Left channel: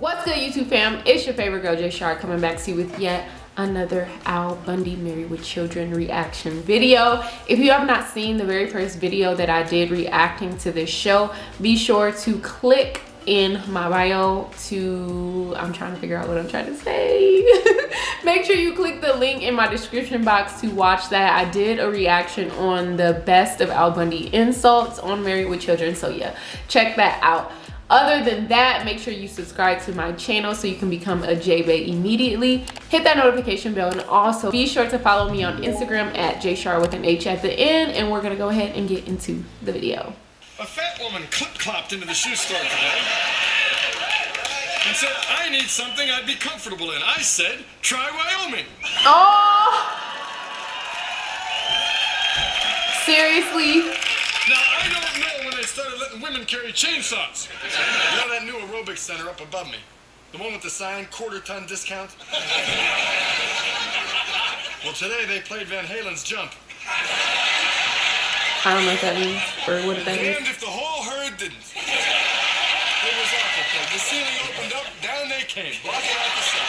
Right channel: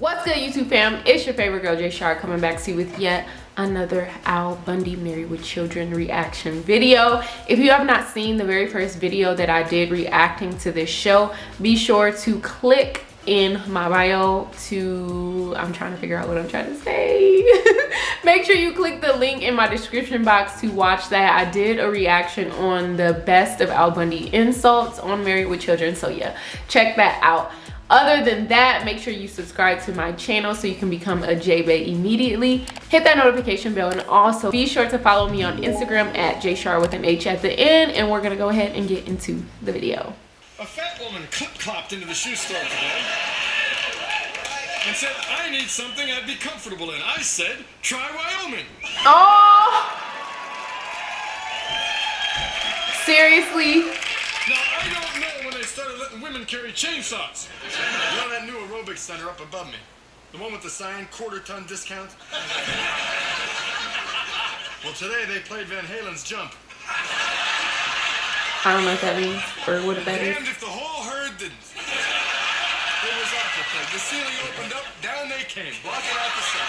What's good, YouTube fam? It's your favorite girl, Jay Baes, coming back to you with yet another Al Bundy Married with Children reaction video. If you have not seen the very first video that I did reacting to this show, be sure to click in my bio to, I'm trying to figure out what I'm trying to say. Make sure you click the link in my description box to watch that. I did a reaction on the best of Al Bundy insults on Married with Children, so yeah, check that out. Other than that, make sure you subscribe to my channel so you can become a Jay Baes immediately. Hit that notification bell, and also be sure to follow me on Instagram at JShar with an H at the end, and we're gonna go ahead and get into the video. A fat woman clip-clopped into the shoe store today and said, I need something I'd be comfortable in. I said, try Wyoming. Oh! Seriously? Now, I don't know when they started letting women carry chainsaws. You know that new aerobics center up above me? The one with the sign, quarter-ton discount? Well, today they played Van Halen's Jump. I don't know what that means or what that is. And if the whole herd didn't. It was awful. The ceiling opened up, down they came, blocking out the sun.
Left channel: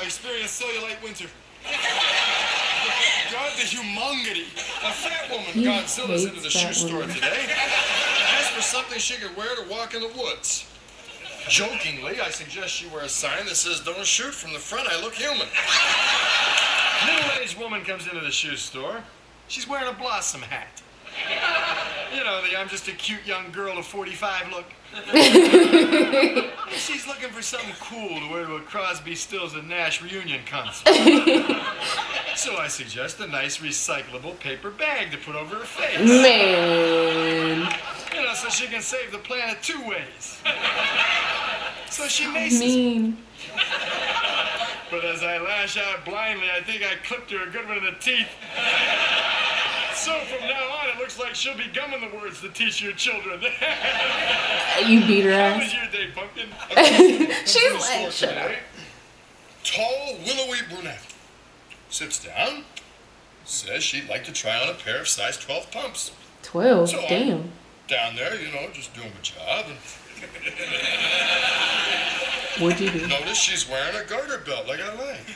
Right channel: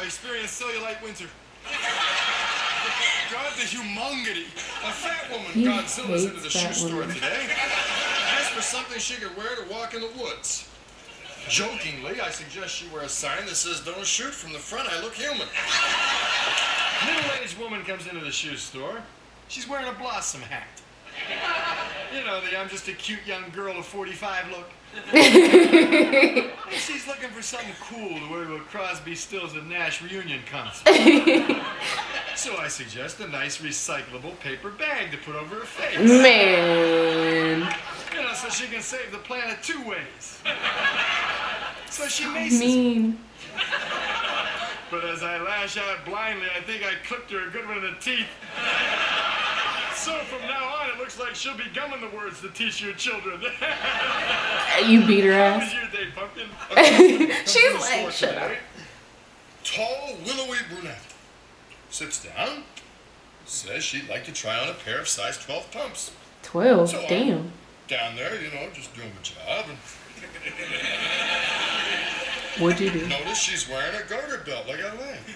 I experienced cellulite winter. God, the humongity. A fat woman got Godzilla's into the shoe store today. Asked for something she could wear to walk in the woods. Jokingly, I suggest she wear a sign that says, don't shoot from the front, I look human. Middle-aged woman comes into the shoe store. She's wearing a Blossom hat. You know, the I'm just a cute young girl of 45 look. She's looking for something cool to wear to a Crosby, Stills and Nash reunion concert. So I suggest a nice recyclable paper bag to put over her face. Man. You know, so she can save the planet two ways. So she makes mean. But as I lash out blindly, I think I clipped her a good one in the teeth. So from now on, it looks like she'll be gumming the words to teach your children. You beat her ass. How was your day, pumpkin? She's like, shut up. Tall, willowy brunette. Sits down. Says she'd like to try on a pair of size 12 pumps. 12? So damn. Down there, you know, just doing my job. What'd you do? Notice she's wearing a garter belt like I like.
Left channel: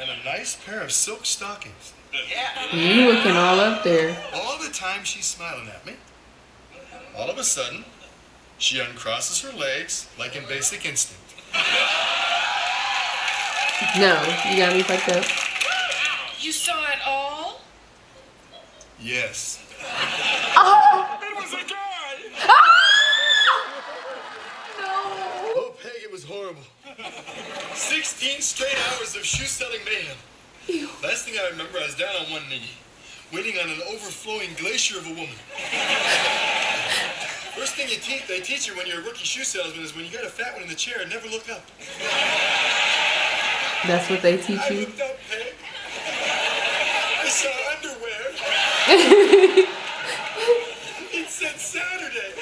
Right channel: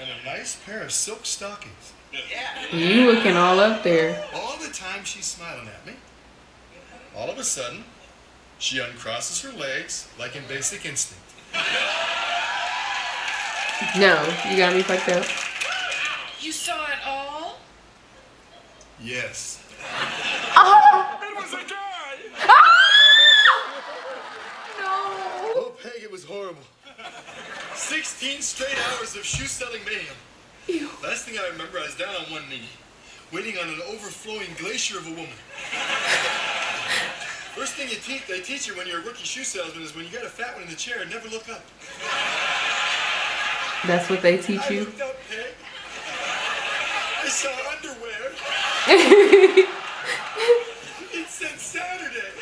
And a nice pair of silk stockings. You looking all up there. All the time she's smiling at me. All of a sudden, she uncrosses her legs like in Basic Instinct. No, you got me fucked up. You saw it all? Yes. Oh! It was a guy! Ah! No. Oh, Peg, it was horrible. 16 straight hours of shoe-selling mayhem. Ew. Last thing I remember, I was down on one knee, waiting on an overflowing glacier of a woman. First thing they teach you when you're a rookie shoe salesman is when you got a fat one in the chair, never look up. That's what they teach I you? looked up, Peg. I saw underwear. It said Saturday.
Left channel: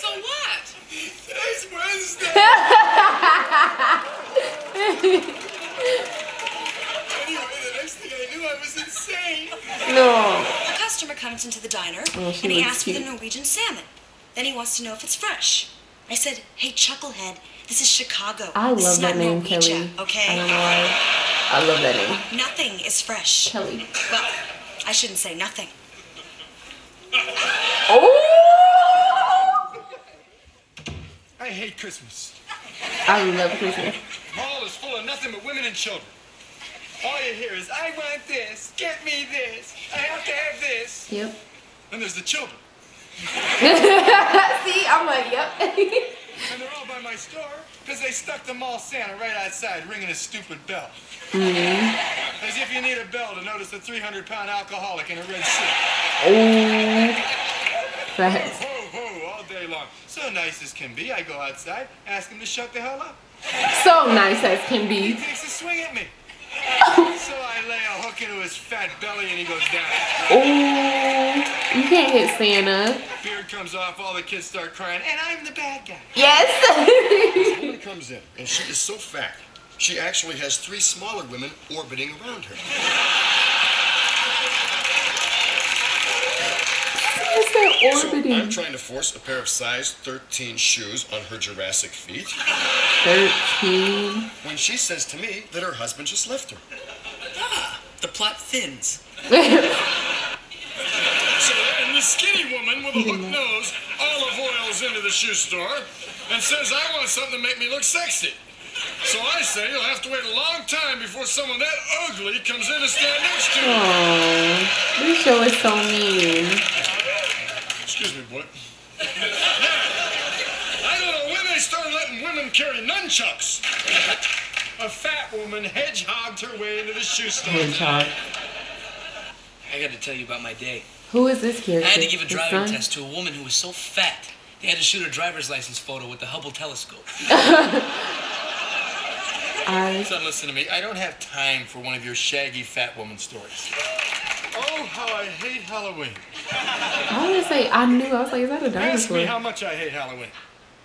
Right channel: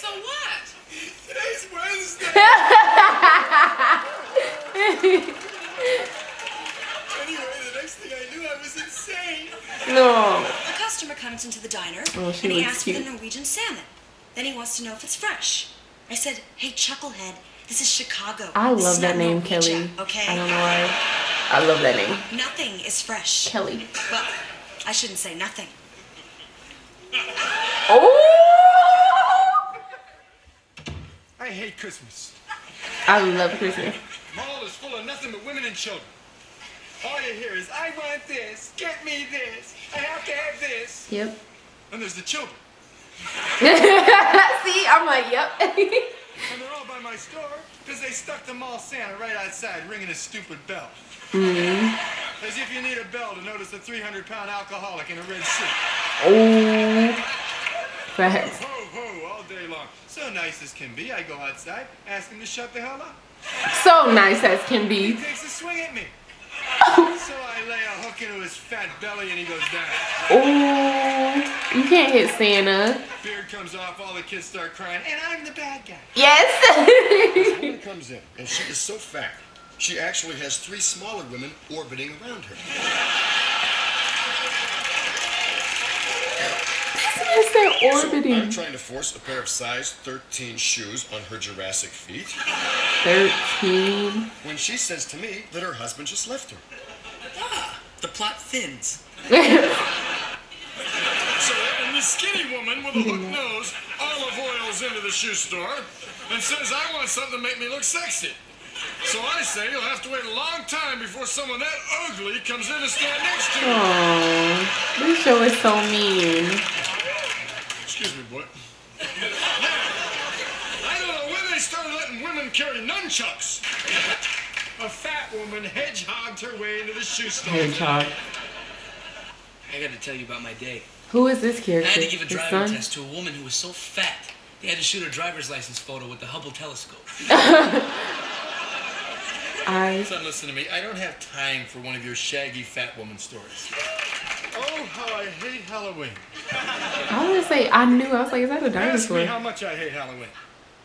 So what? Today's Wednesday. Anyway, the next thing I knew, I was insane. No. A customer comes into the diner Oh, she and he looks asks cute. for the Norwegian salmon. Then he wants to know if it's fresh. I said, hey, Chucklehead, this is Chicago. I This love is that not name, Norwegian, Kelly. Okay? I don't know why. I love that name. Nothing is fresh. Kelly. Well, I shouldn't say nothing. Oh! I hate Christmas. I love Christmas. Mall is full of nothing but women and children. All you hear is, I want this, get me this, I have to have this. Yep. And there's the children. See, I'm like, yep. And they're all by my store because they stuck the mall Santa right outside ringing his stupid bell. As if you need a bell to notice a 300-pound alcoholic in a red suit. Oh, facts. Ho, ho, all day long. So nice as can be, I go outside, ask him to shut the hell up. So nice as can He be. takes a swing at me. So I lay a hook into his fat belly and he goes down. Oh, you can't hit Santa. Beard comes off, all the kids start crying, and I'm the bad guy. Yes. A woman comes in, and she is so fat, she actually has 3 smaller women orbiting around her. What's that orbiting? So I'm trying to force a pair of size 13 shoes on her Jurassic feet. 13. When she says to me that her husband just left her. The plot thins. So then the skinny woman with a hooked nose olive oils into the shoe store and says, I want something to make me look sexy. So I say you'll have to wait a long time before someone that ugly comes in to stand next to you. Oh, this show is so mean. Excuse me, boy. I don't know when they started letting women carry nunchucks. A fat woman hedgehogged her way into the shoe store. Hedgehog. I got to tell you about my day. Who is this I character? had to give a His driving son? test to a woman who was so fat they had to shoot her driver's license photo with the Hubble telescope. Son, listen to me. I don't have time for one of your shaggy fat woman stories. Oh, how I hate Halloween. I was gonna say, I knew. I was like, is that a Ask me dinosaur? how much I hate Halloween.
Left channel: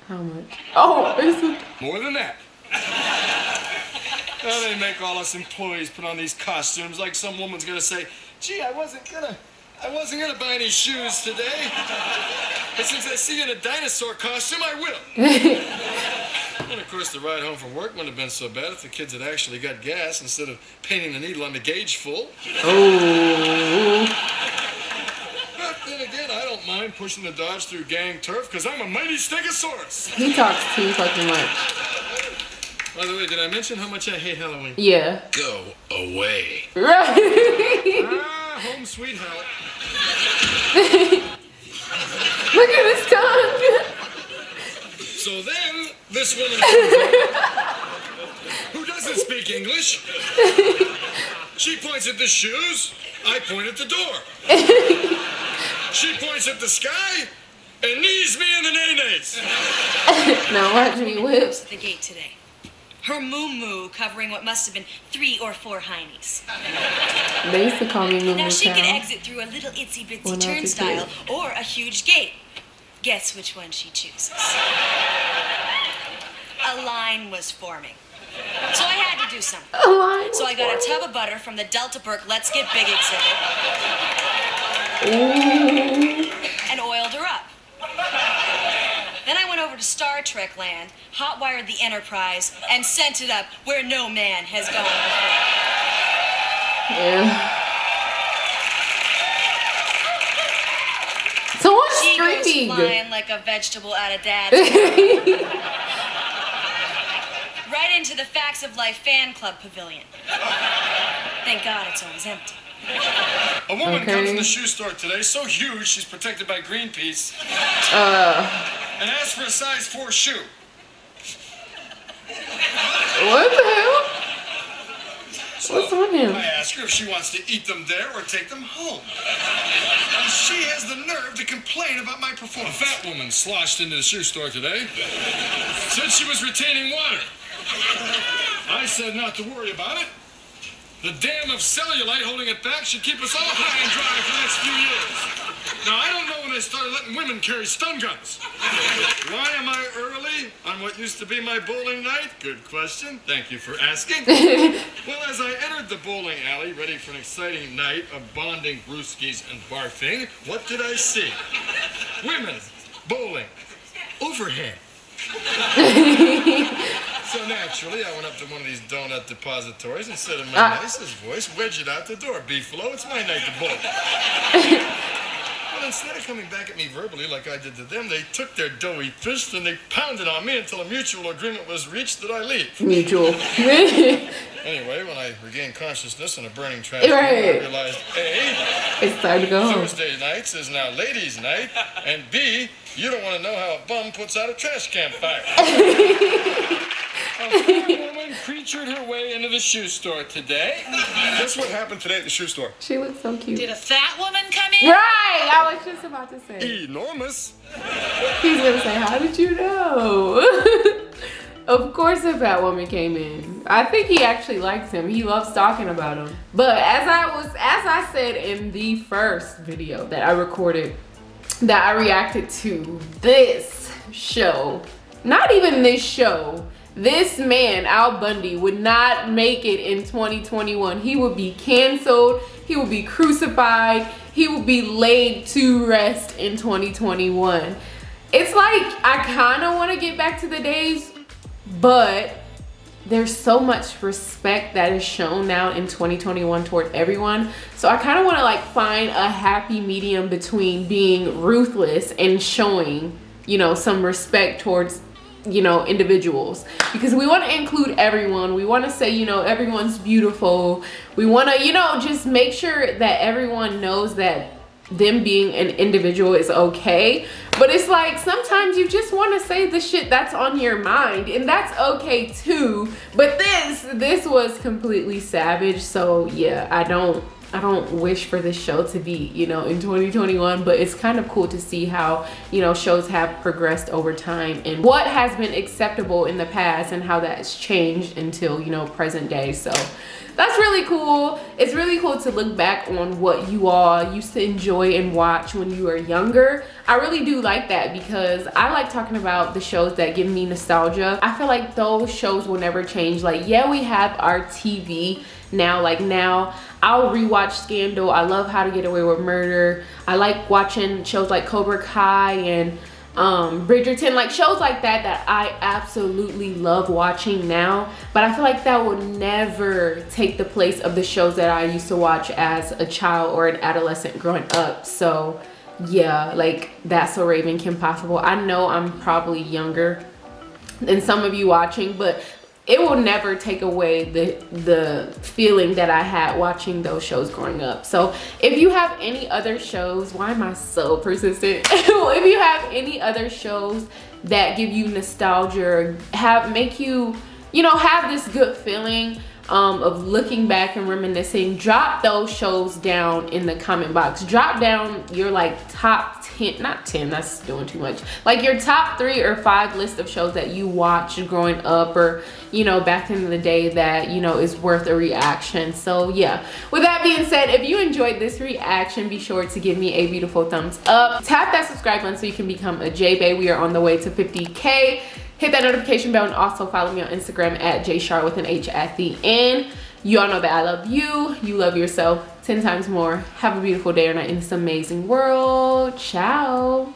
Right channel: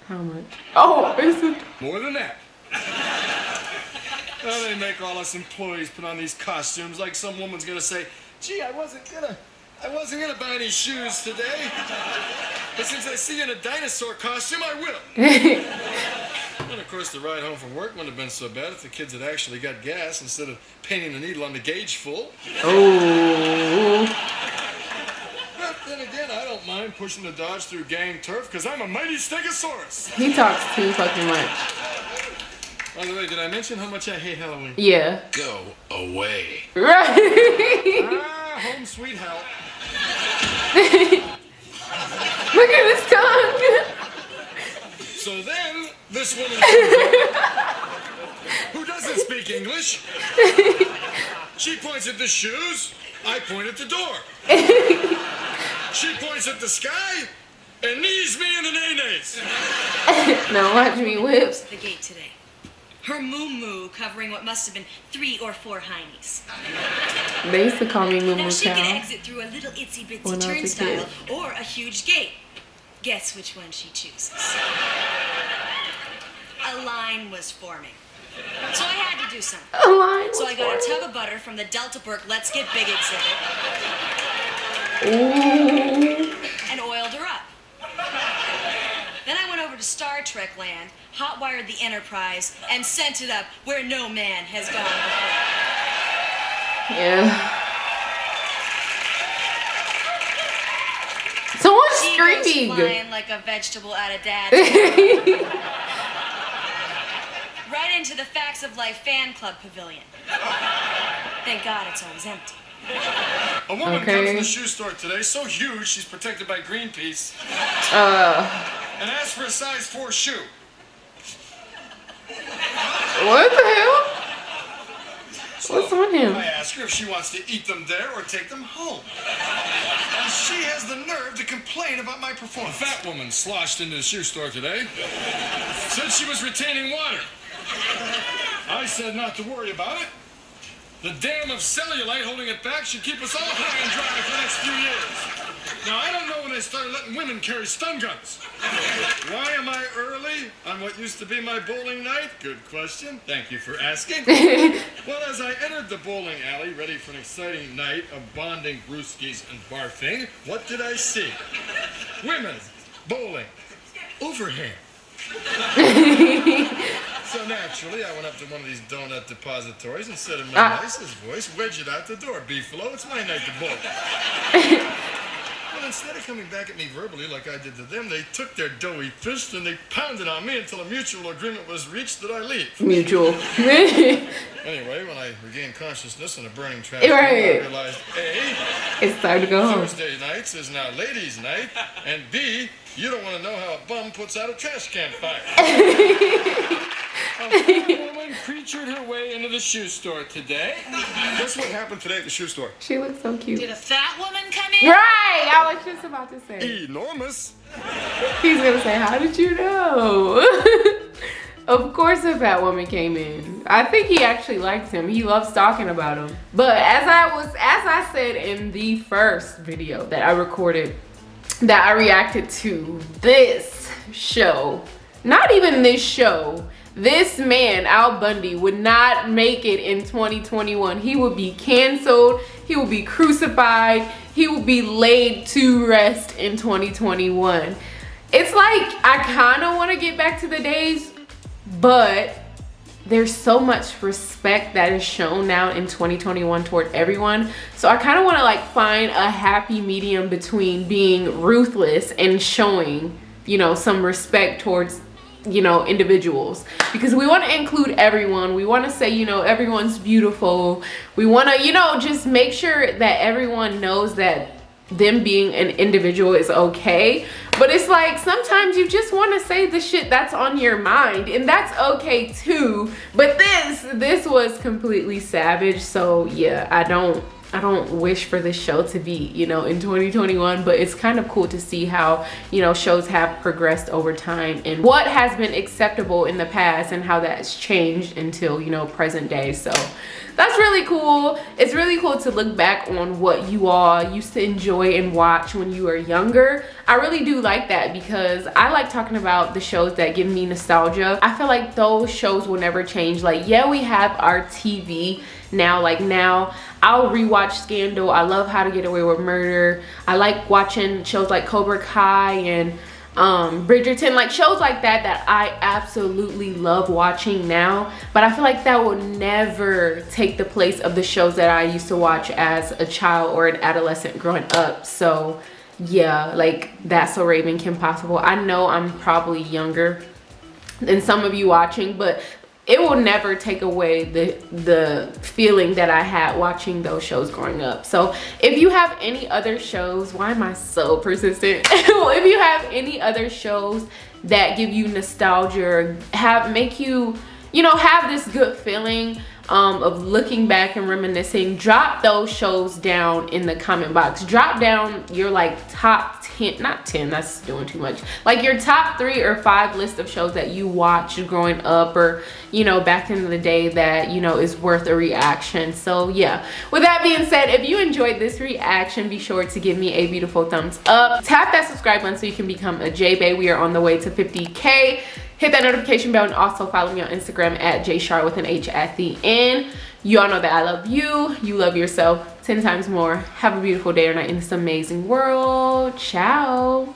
How much? Oh, it's a... More than that. Well, they make all us employees put on these costumes like some woman's gonna say, gee, I wasn't gonna buy any shoes today. But since I see you in a dinosaur costume, I will. And of course, the ride home from work wouldn't have been so bad if the kids had actually got gas instead of painting the needle on the gauge full. Oh. But then again, I don't mind pushing the Dodge through gang turf because I'm a mighty stegosaurus. He talks too fucking much. By the way, did I mention how much I hate Halloween? Yeah. Go away. Right. Home sweet hell. Look at his tongue. So then, this woman comes up, who doesn't speak English. She points at the shoes, I point at the door. She points at the sky, and knees me in the nays. Now watch me whips. The gate today. Her moo-moo covering what must have been 3 or 4 heinies. They used to call me Moo Now Moo she could Cow. exit through a little itsy bitsy When I was a turnstile kid. or a huge gate. Guess which one she chooses. A line was forming. So I had to do something. A line So was I got a forming. tub of butter from the Delta Burke Let's Get Big exhibit Ooh. and oiled her up. Then I went over to Star Trek land, hot-wired the Enterprise, and sent it up where no man has gone before. Yeah. Someone's She goes screaming. flying like a vegetable out of dad's right into the Facts of Life fan club pavilion. Thank God it's always empty. A woman Okay. comes in the shoe store today, so huge she's protected by Greenpeace, and asks for a size 4 shoe. What the hell? What's on him? I ask her if she wants to eat them there or take them home. And she has the nerve to complain about my performance. A fat woman sloshed into the shoe store today. Said she was retaining water. I said not to worry about it. The dam of cellulite holding it back should keep us all high and dry for the next few years. Now, I don't know when they started letting women carry stun guns. Why am I early on what used to be my bowling night? Good question. Thank you for asking. Well, as I entered the bowling alley, ready for an exciting night of bonding, brewskis, and barfing, what did I see? Women bowling overhead. So naturally, I went up to one of these donut depositories and said in my nicest voice, wedge it out the door, Beefalo, it's my night to bowl. Well, instead of coming back at me verbally like I did to them, they took their doughy fist and they pounded on me until a mutual agreement was reached that I leave. Mutual. Anyway, when I regained consciousness on a burning trash can, Right. I realized A, It's time to go home. Thursday nights is now ladies' night, and B, you don't want to know how a bum puts out a trash can fire. A fat woman creatured her way into the shoe store today. Guess what happened today at the shoe store? She looks so cute. Did a fat woman come in? Right! I was just about to say. Enormous. He's gonna say, how did you know? Of course a fat woman came in. I think he actually likes him. He loves talking about him. But as I said in the first video that I recorded that I reacted to this show, not even this show, this man, Al Bundy, would not make it in 2021. He would be canceled, he would be crucified, he would be laid to rest in 2021. It's like, I kind of want to get back to the days, but there's so much respect that is shown now in 2021 toward everyone. So I kind of want to like find a happy medium between being ruthless and showing, you know, some respect towards, you know, individuals, because we want to include everyone. We want to say, you know, everyone's beautiful. We want to, you know, just make sure that everyone knows that them being an individual is okay. But it's like sometimes you just want to say the shit that's on your mind, and that's okay too. But this was completely savage. So yeah, I don't wish for this show to be, you know, in 2021, but it's kind of cool to see how, you know, shows have progressed over time and what has been acceptable in the past and how that's changed until, you know, present day. So that's really cool. It's really cool to look back on what you all used to enjoy and watch when you were younger. I really do like that, because I like talking about the shows that give me nostalgia. I feel like those shows will never change. Like, yeah, we have our TV now. Like now I'll rewatch Scandal. I love How to Get Away with Murder. I like watching shows like Cobra Kai and Bridgerton, like shows like that I absolutely love watching now. But I feel like that will never take the place of the shows that I used to watch as a child or an adolescent growing up. So yeah, like That's So Raven, Kim Possible. I know I'm probably younger than some of you watching, but it will never take away the feeling that I had watching those shows growing up. So if you have any other shows, why am I so persistent? If you have any other shows that give you nostalgia, make you, you know, have this good feeling of looking back and reminiscing, drop those shows down in the comment box. Drop down your like top 10, not 10, that's doing too much, like your top 3 or 5 list of shows that you watched growing up, or, you know, back in the day that, you know, is worth a reaction. So yeah, with that being said, if you enjoyed this reaction, be sure to give me a beautiful thumbs up. Tap that subscribe button so you can become a Jay Bae. We are on the way to 50K. Hit that notification bell, and also follow me on Instagram at jshar with an H at the end. You all know that I love you. You love yourself 10 times more. Have a beautiful day or night in this amazing world. Ciao.